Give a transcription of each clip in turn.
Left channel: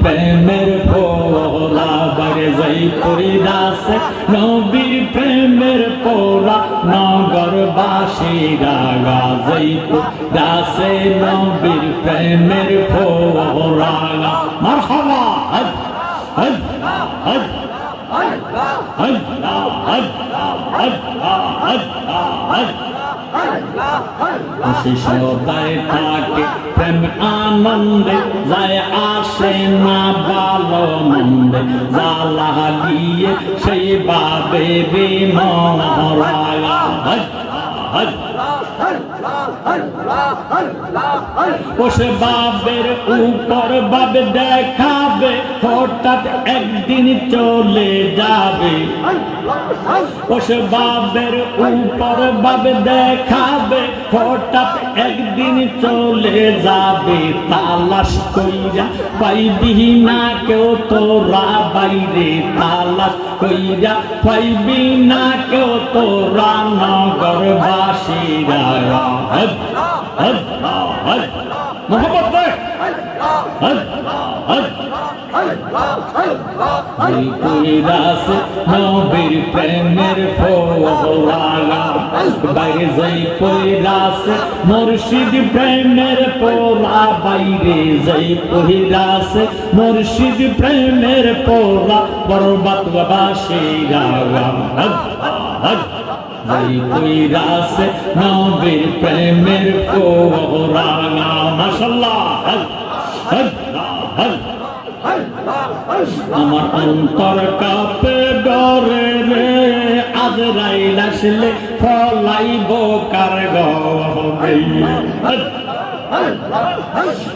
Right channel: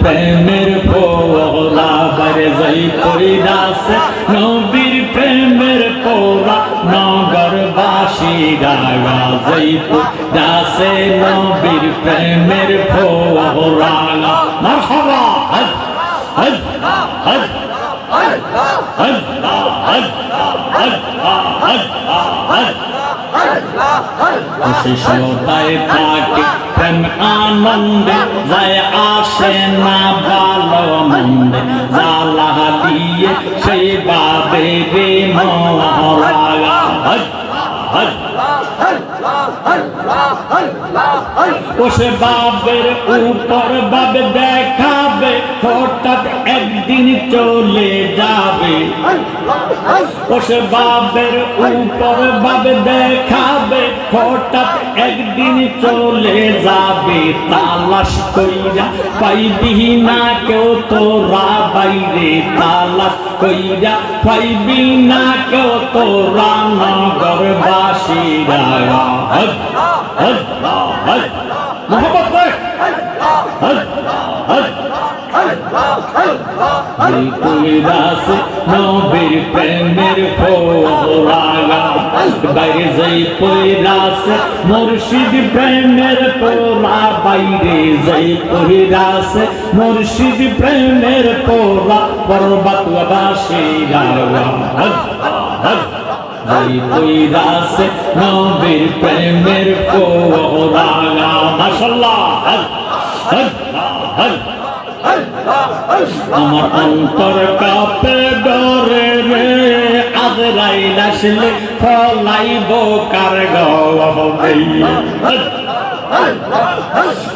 প্রেমের পোলা বারে যাই কইরাছে নবীর প্রেমের পোলা নগরবাসীরা যাই কইরাছে নবীর প্রেমের পোলা মারহাবা হজ হজ হজ হজ হজ হজ হজ হজ খুশি সদায় থাকে প্রেম আনন্দে যায় আসে না ভালো মন্দে জ্বালা দিয়ে সেই বাবে রে মরা হজ হজ ওসে বাবের উপর বাবে দেখাবে হঠাৎ একদিন চলে যাবে ওসে বাবের উপর বাবে দেখাবে হঠাৎ একদিন চলে যাবে তালাশ কইরা পাইবি না কেউ তোরা বাইরে তালাশ কইরা পাইবি না কেউ তোরা নগরবাসীরা হজ হজ হজ মোহাম্মদ হজ হজ নবীর প্রেমের পোলা বাইরে যাই কইরাছে মুর্শিদ প্রেমের পোলা বাইরে যাই কইরাছে মুর্শিদ প্রেমের পোলা পর্বতবাসীরা হজ হজ যাই কইরাছে নবীর প্রেমের পোলা মাশাআল্লাহ হজ হজ হজ আমার অন্তর কাঁপে ডরে রে আজরাইল আসলে ফলাইব কার গবে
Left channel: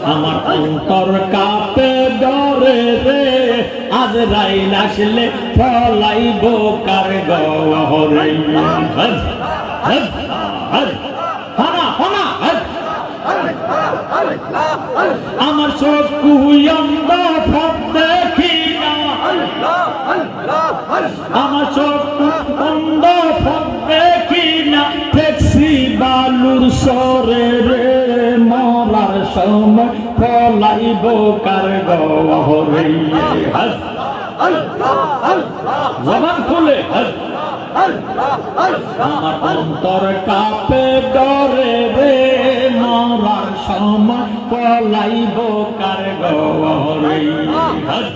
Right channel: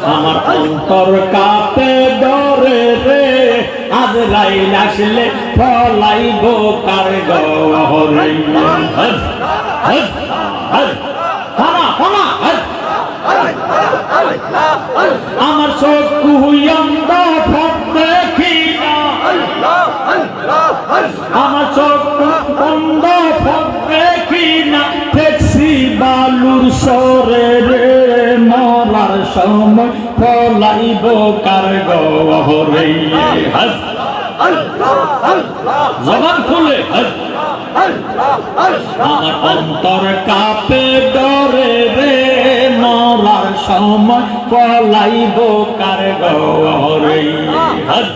আমার অন্তর কাঁপে ডরে রে আজরাইল আসলে ফলাইব কার গবে হজ হজ হজ আমার চক্ষু অন্ধ দেখি না আমার চক্ষু অন্ধ দেখি না দেখছি বালুর সরে রে মরার সময় ফলাইব কার গহরে হজ জবান খুলে হজ আমার অন্তর কাঁপে ডরে রে মরার সময় পলাইব কার গহরে হজ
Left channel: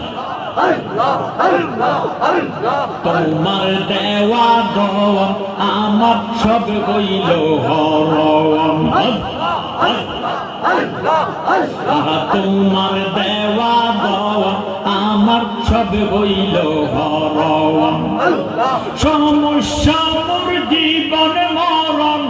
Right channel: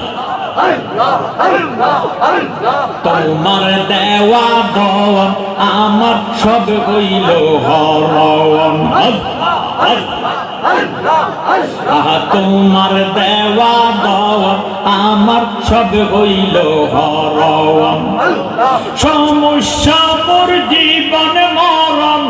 তোমার দেওয়া দন আমার সব হইল হরণ হজ হজ তোমার দেওয়া দন আমার সব হইল হরণ সমস্যা মোর জীবন মরণ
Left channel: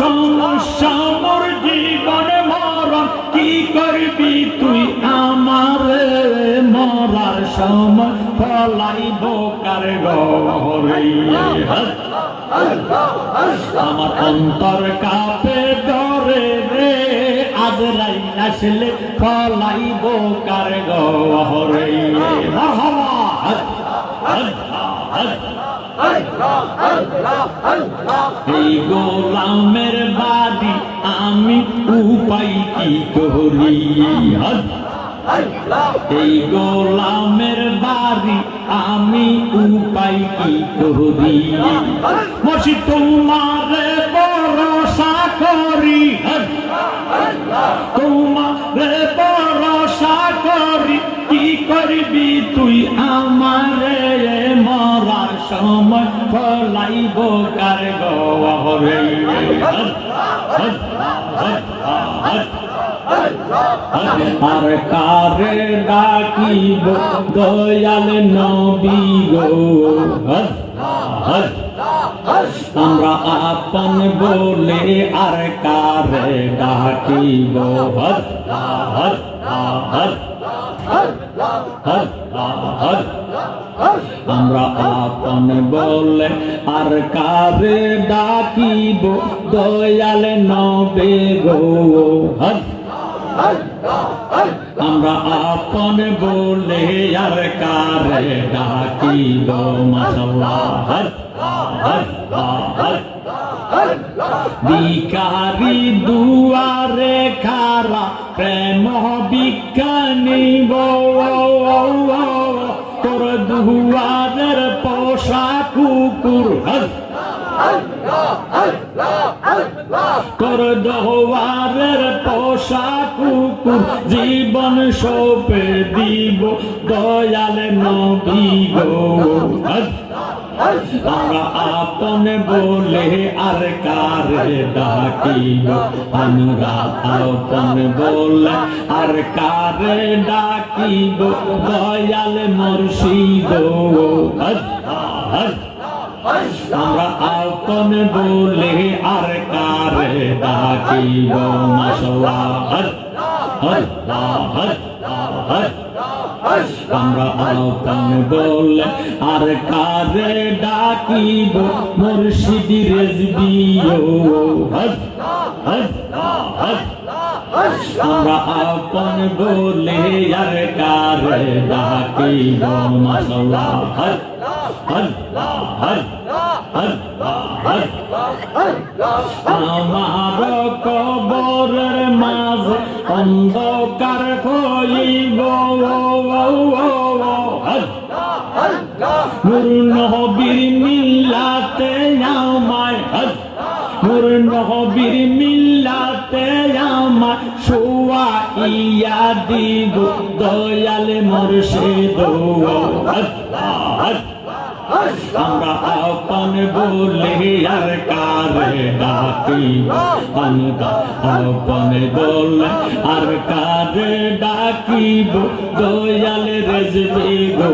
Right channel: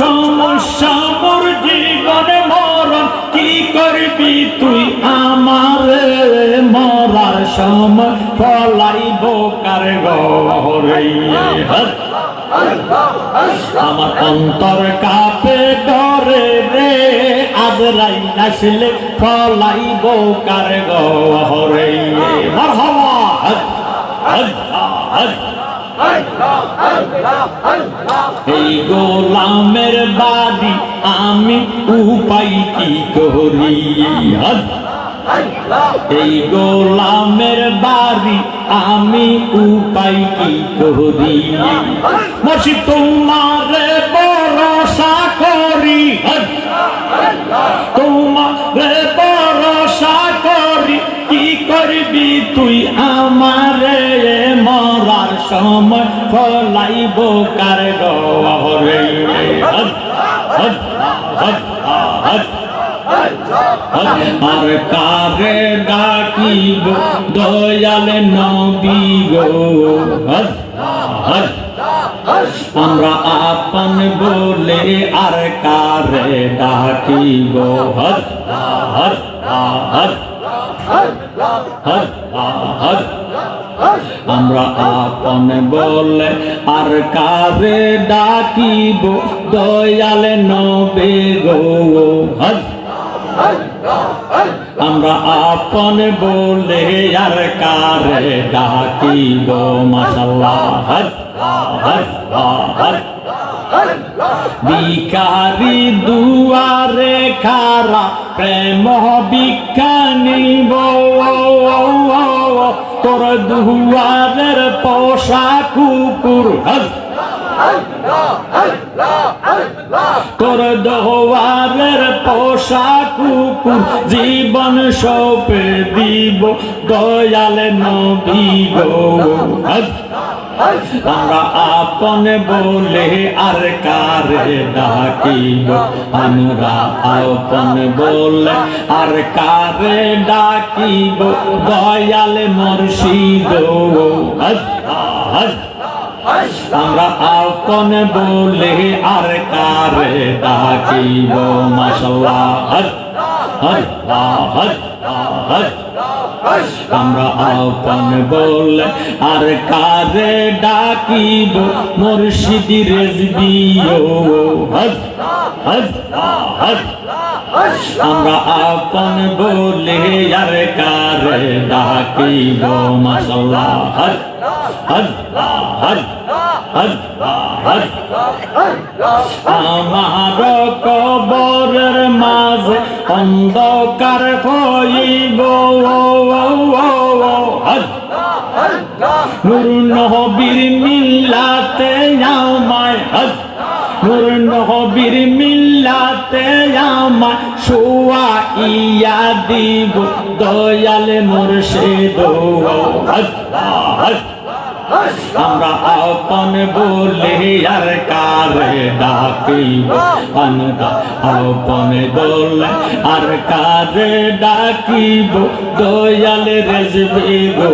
সমস্যা মোর জীবন মরণ কি করবি তুই আমার মরার সময় ফলাইব কার গহরে হজ আমার অন্তর কাঁপে ডরে রে আজরাইল আসলে ফলাইব কার গহরে মারহাবা হজ হজ হজ এই গোলামের বাড়ি আমি উপায় কি করি হজ এই গোলামের বাড়ি আমি উপায় কি করি মুর্শিদ তোমারে ভরসা করি তোমারে ভরসা করি কি করবি তুই আমারে মরার সময় ফলাইব কার গহরে হজ হজ হজ হজ আর কারে ডাকিব দয়াল নবী গো হজ হজ আমরা আপন বলে আর কারে ডাকিব হজ হজ হজ হজ হজ আমরা আপন বলে আর কারে ডাকিব দয়াল নবী গো হজ আমরা আপন বলে আর কারে ডাকিব মাশাআল্লাহ হজ হজ হজ ভিখারি দুয়ারে খারা প্রেম ভিক্ষা নিব তোর দুয়ারের পোষা কুকুর তোর দুয়ারের পোষা কুকুর জীবন সঁপে দিব দয়াল নবী গো আমরা আপন বলে আর কারে ডাকিব আমরা আপন বলে আর কারে ডাকিব দয়াল মুর্শিদ আমরা আপন বলে আর কারে ডাকিব মাশাআল্লাহ আমরা আপন বলে আর কারে ডাকিব মুর্শিদ রেজবিও আমরা আপন বলে আর কারে ডাকিব মাশাআল্লাহ আমার কবরের মাঝে অন্ধকার হইব নূর নবীর মিল্লাতে আমায় নূর নবীর মিল্লাতে আমায় শোয়াইয়া দিব দয়াল মুর্শিদ আমরা আপন বলে আর কারে ডাকিব আমরা আপন বলে আর কারে ডাকিব দয়াল রেজবি গো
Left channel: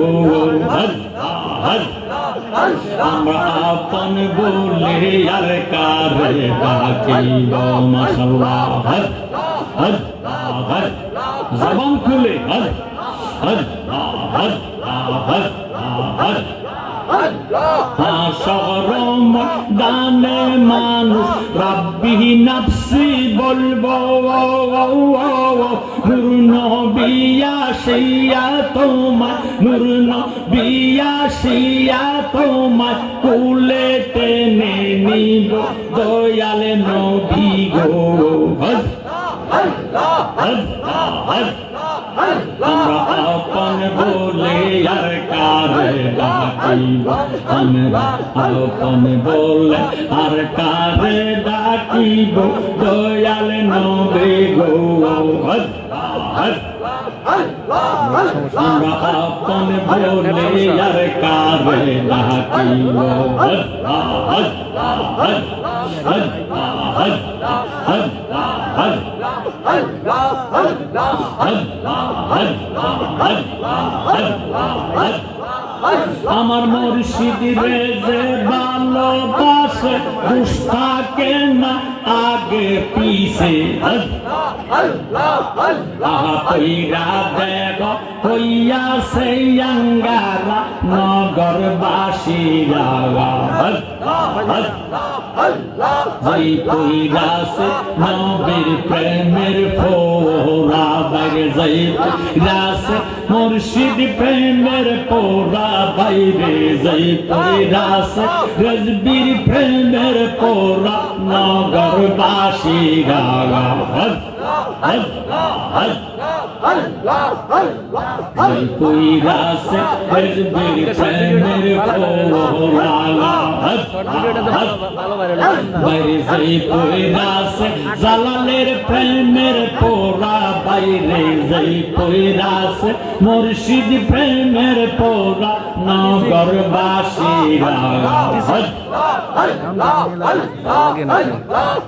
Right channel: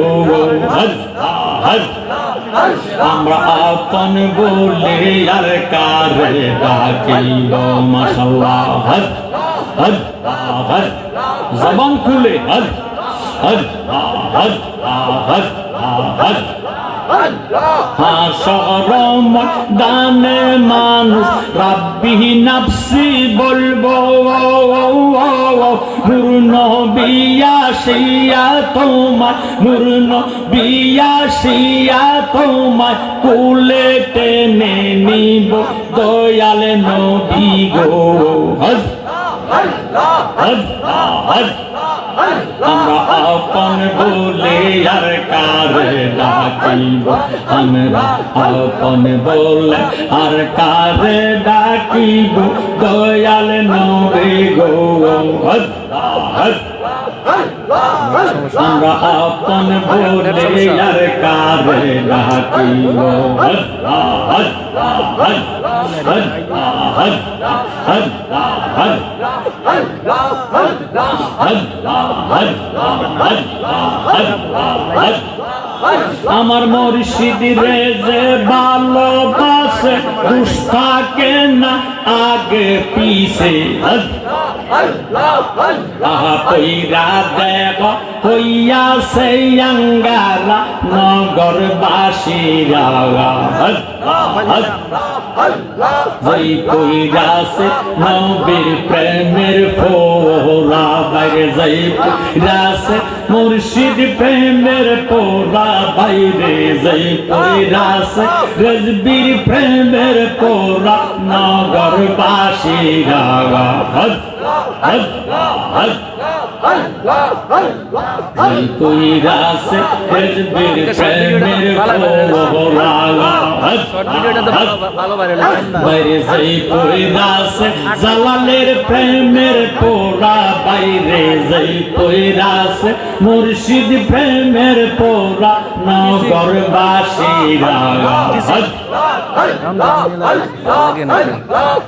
আমরা আপন বলে আর কারে ডাকিব মাশাআল্লাহ জবান খুলে শহরম দানে মানুষ রাব্বি নাফসি বলবো নূর নবী আসিয়া তোমার নূর নবী আসিয়া তোমার কোলে টেনে নিব দয়াল নবী গো আমরা আপন বলে আর কারে ডাকিব আমরা আপন বলে আর কারে ডাকিব দয়াল নবী গো আমরা আপন বলে আর কারে ডাকিব আমার মুর্শিদ রে যে ভালোবাসে দুষ্টাকে না আগে পিছে পইরা দেব হইয়াছে আঙ্গারা নগরবাসীরা যেই পইরাছে নবীর প্রেমের ফোরা বাইরে যেই পইরাছে মুর্শিদ প্রেমের পোরা বাইরে যেই পইরাছে রেজবির প্রেমের পোরা নগরবাসীরা কইরাছে রেজবির প্রেমের পোরা বাইরে যেই পইরাছে জালালের প্রেমের পোরা বাইরে যেই পইরাছে মুর্শিদ প্রেমের পোরা নগরবাসীরা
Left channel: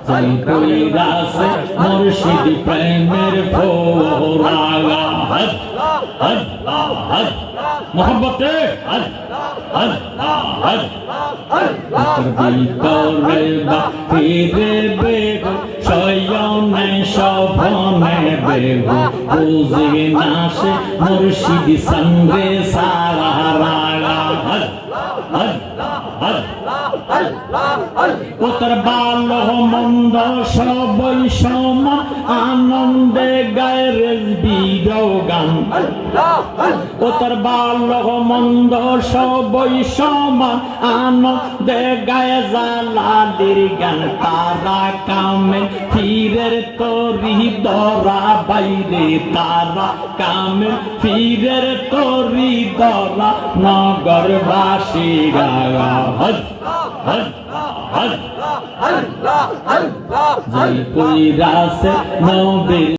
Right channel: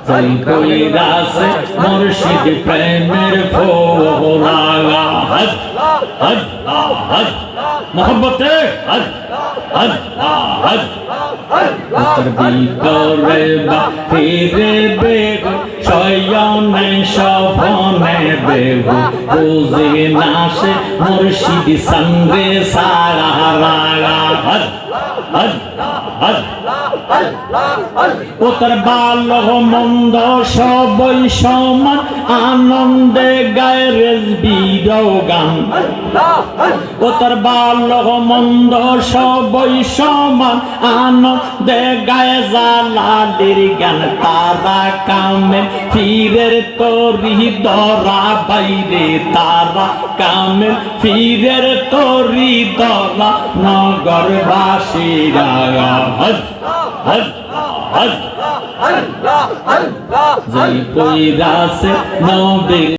যেই পইরাছে মুর্শিদ প্রেমের পোরা মোহব্বতে ভিতরে বাহিরে বেগু শয়নে শোভনে বেগু বুঝি নাশে মুর্শিদ সঙ্গে সারা ওতর ভালো মন্দ সবই সমান আনন্দে গায়ে রেজবি হইরাও গান ও তার বালক মন্দ সবই সমান আনন্দে গায়ে জালালির গান তারা কামে ফিরের তরি দরা বাইরে তারা কামে ফিরের তরি দরা নগরবাসীরা হজ হজ হজ জয় কইরাছে নবীর